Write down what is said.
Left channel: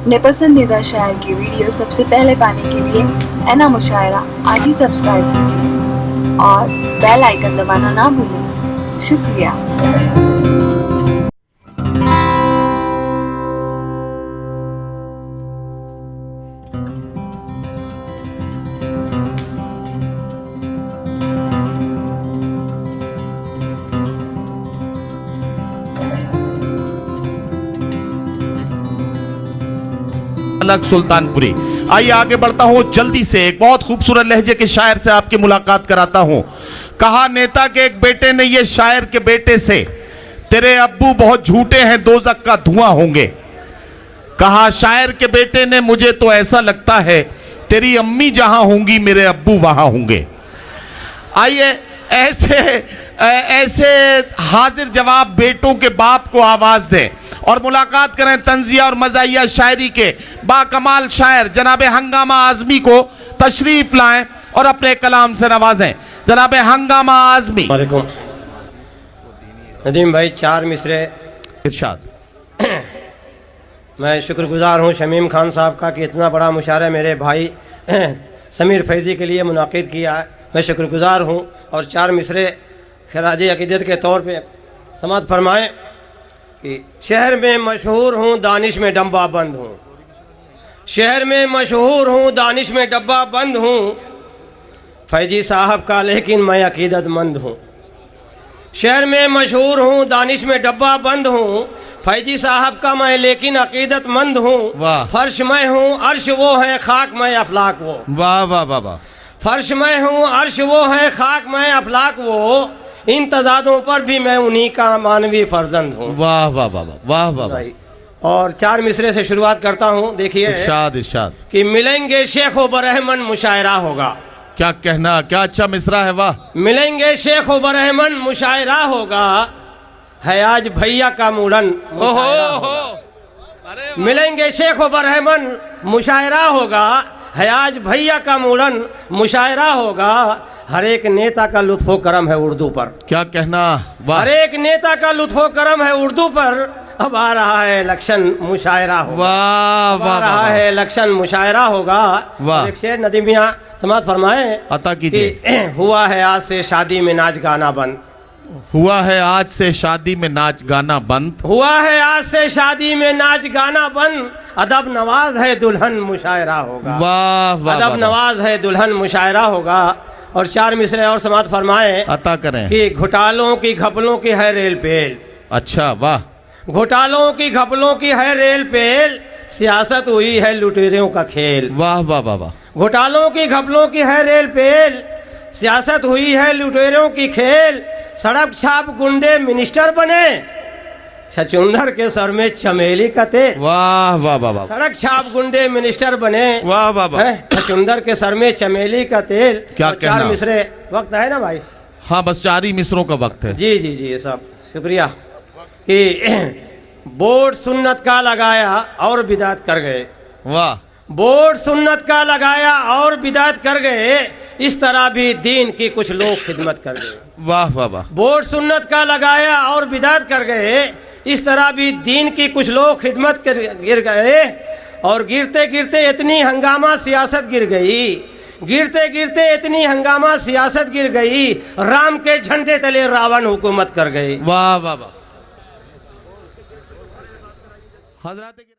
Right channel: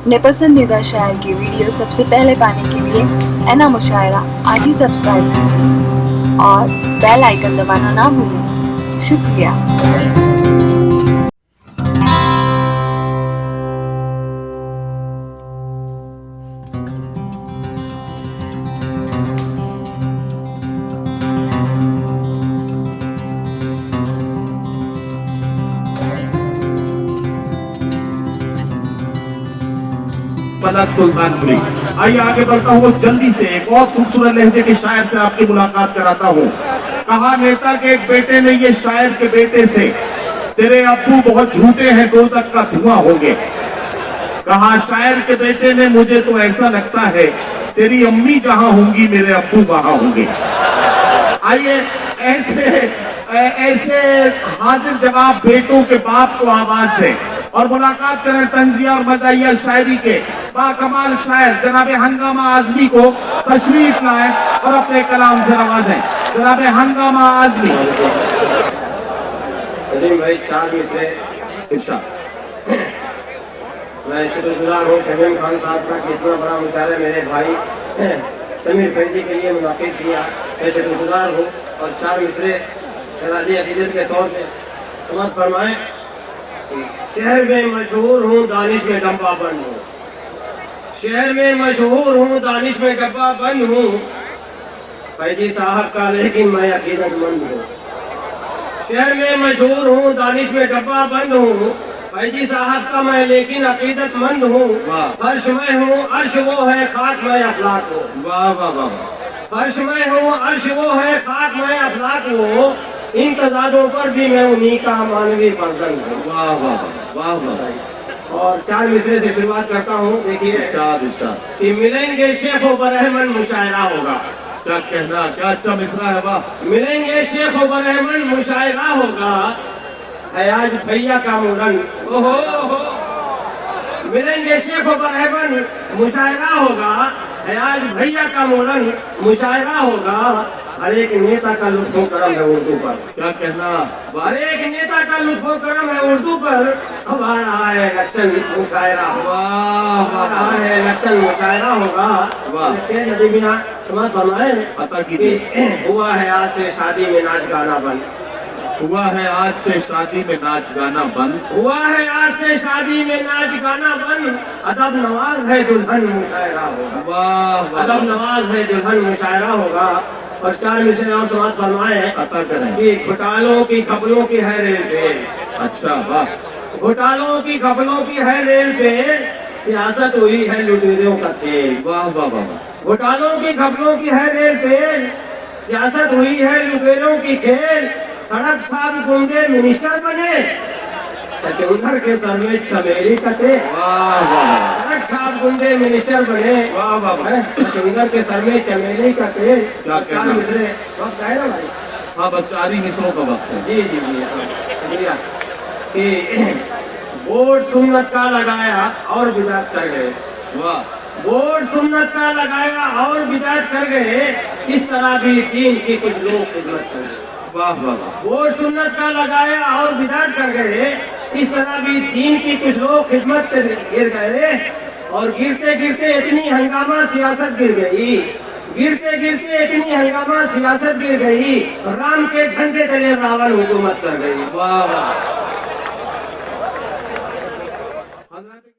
अपने पसंदीदा शायर की वीडियो सबसे पहले पाने के लिए एना मुशायरा आज ही सब्सक्राइब कीजिए और बेल आइकन दबाना ना भूलें। शुक्रिया। सुल्तानपुरी। आइए आगे बढ़ता हूँ जल्दी से। एक बहुत खूबसूरत लहजे के शायर से आपकी मुलाकात कराता हूँ। कहा नेता के एक बेटे ने ये शायर के बेटे से, तेरे अब्बू बहुत झूठे हैं, दोज़ख का धुआं होंगे। कहा शायर के बेटे ने, मुझे तो ऐसा लगता है तेरी अम्मी जहां होंगी मेरे अब्बू वहां होंगे। आइए ऐसे हाजिर जवाब बेटों के बाप को आवाज दें और मुलाकात करें तंजिया और मज़ाहिया शायरी के बाकमाल शायर जनाब हंगामा आज़मी को तशरीफ लाएं और अपने कलाम से नवाजें। जनाब हंगामा आज़मी। नदीम भाई, 4 मिसरे इरशाद। मैं शुक्रगुजार हूँ शमीम खान साहब का कि इतना बड़ा मुशायरा मेरे भाई समीर फैज़ी के लिए मुनाकिद किया। मैं शुक्रगुजार हूँ। और 4 मिसरे खराज अक़ीदत के तौर पे समाअत फरमाएँ कि शहर में मशहूर हूँ, दानिश में डब्बा बंद हूँ। शहर में मशहूर हूँ, दानिश में डब्बा बंद हूँ, फैजी साहब का लेकिन मैं अक़ीदतमंद हूँ। शहर में मशहूर हूँ, दानिश में डब्बा बंद हूँ, फैजी साहब का मैं लेकिन अक़ीदतमंद हूँ। फर्श मैं हूँ, अर्श वो है, खाक मैं अफलाक वो। वाह वाह वाह। फर्श मैं हूँ, अर्श वो है, खाक मैं अफलाक वो, इन तजादों पर भी मैं उन्हीं का मानवी फर्जंद हूँ। वाह वाह वाह वाह। और 4 मिसरे से शुरुआत करता हूँ। देखिए इरशाद इरशाद। कि मिलेंगे शेख व बरहमन मुशायरा होगा। क्या कहना, क्या अच्छा मिसरा है। वाह। मिलेंगे शेख व बरहमन मुशायरा होगा, है आज भैया का मुलन। ओहो। मिलेंगे शेख व बरहमन मुशायरा होगा, है आज भैया का मुलन मुशायरा होगा, हर एक नेता का लुत्फ़ो करम है उर्दू पर। क्या कहना। हर एक नेता का लुत्फ़ो करम है उर्दू पर, अब आ रहा है इलेक्शन मुशायरा। वाह वाह। आ रहा है इलेक्शन मुशायरा होगा। वाह। शेर नदीमिया समाअत फरमाए अता कीजिए। हुआ है आज से शादी में नाच गाना बंद। हुआ है आज से शादी में नाच गाना बंद। हुआ है आज से शादी में नाच गाना बंद, अदब नवाज है दुल्हन मुशायरा होगा। वाह वाह। अदब नवाज है दुल्हन मुशायरा होगा। और 4 मिसरे और समाअत फरमाए अता करें कि घोटालों की घपलों की है रेल पे। अच्छा वाह। घोटालों की घपलों की है रेल पे, सियासत हुई है लुटेरों का खेल। वाह वाह वाह। घोटालों की घपलों की है रेल पे, सियासत हुई है लुटेरों की खेल, सड़क छाप गुंडे मिनिस्टर बने, छचुंदर के सर में चमेली का तेल। वाह वाह। सड़क छाप गुंडे मिनिस्टर बने, वाह वाह। छचुंदर के सर में चमेली का तेल। क्या कहना। 4 मिसरे वक्त है ना भाई। हाँ बस 4 ही मिसरों का वक्त है। जी जी जी साहब शुक्रिया। कि बोर्ड सुन्नत का लगाया और बिदात कर गए। वाह। बोर्ड सुन्नत का लगाया और बिदात कर गए, इस तरह भी दीन की कुछ लोग खिदमत कर गए। वाह वाह। बोर्ड सुन्नत का लगाया और बिदात कर गए, इस तरह भी दीन की कुछ लोग खिदमत कर गिर गए। और गिरते गिरते इतनी हंगामा सियासत गिर गई, गिरते गिरते इतनी हंगामा सियासत गिर गई, राम के झंडे तले रावण हुकूमत कर गई। वाह वाह।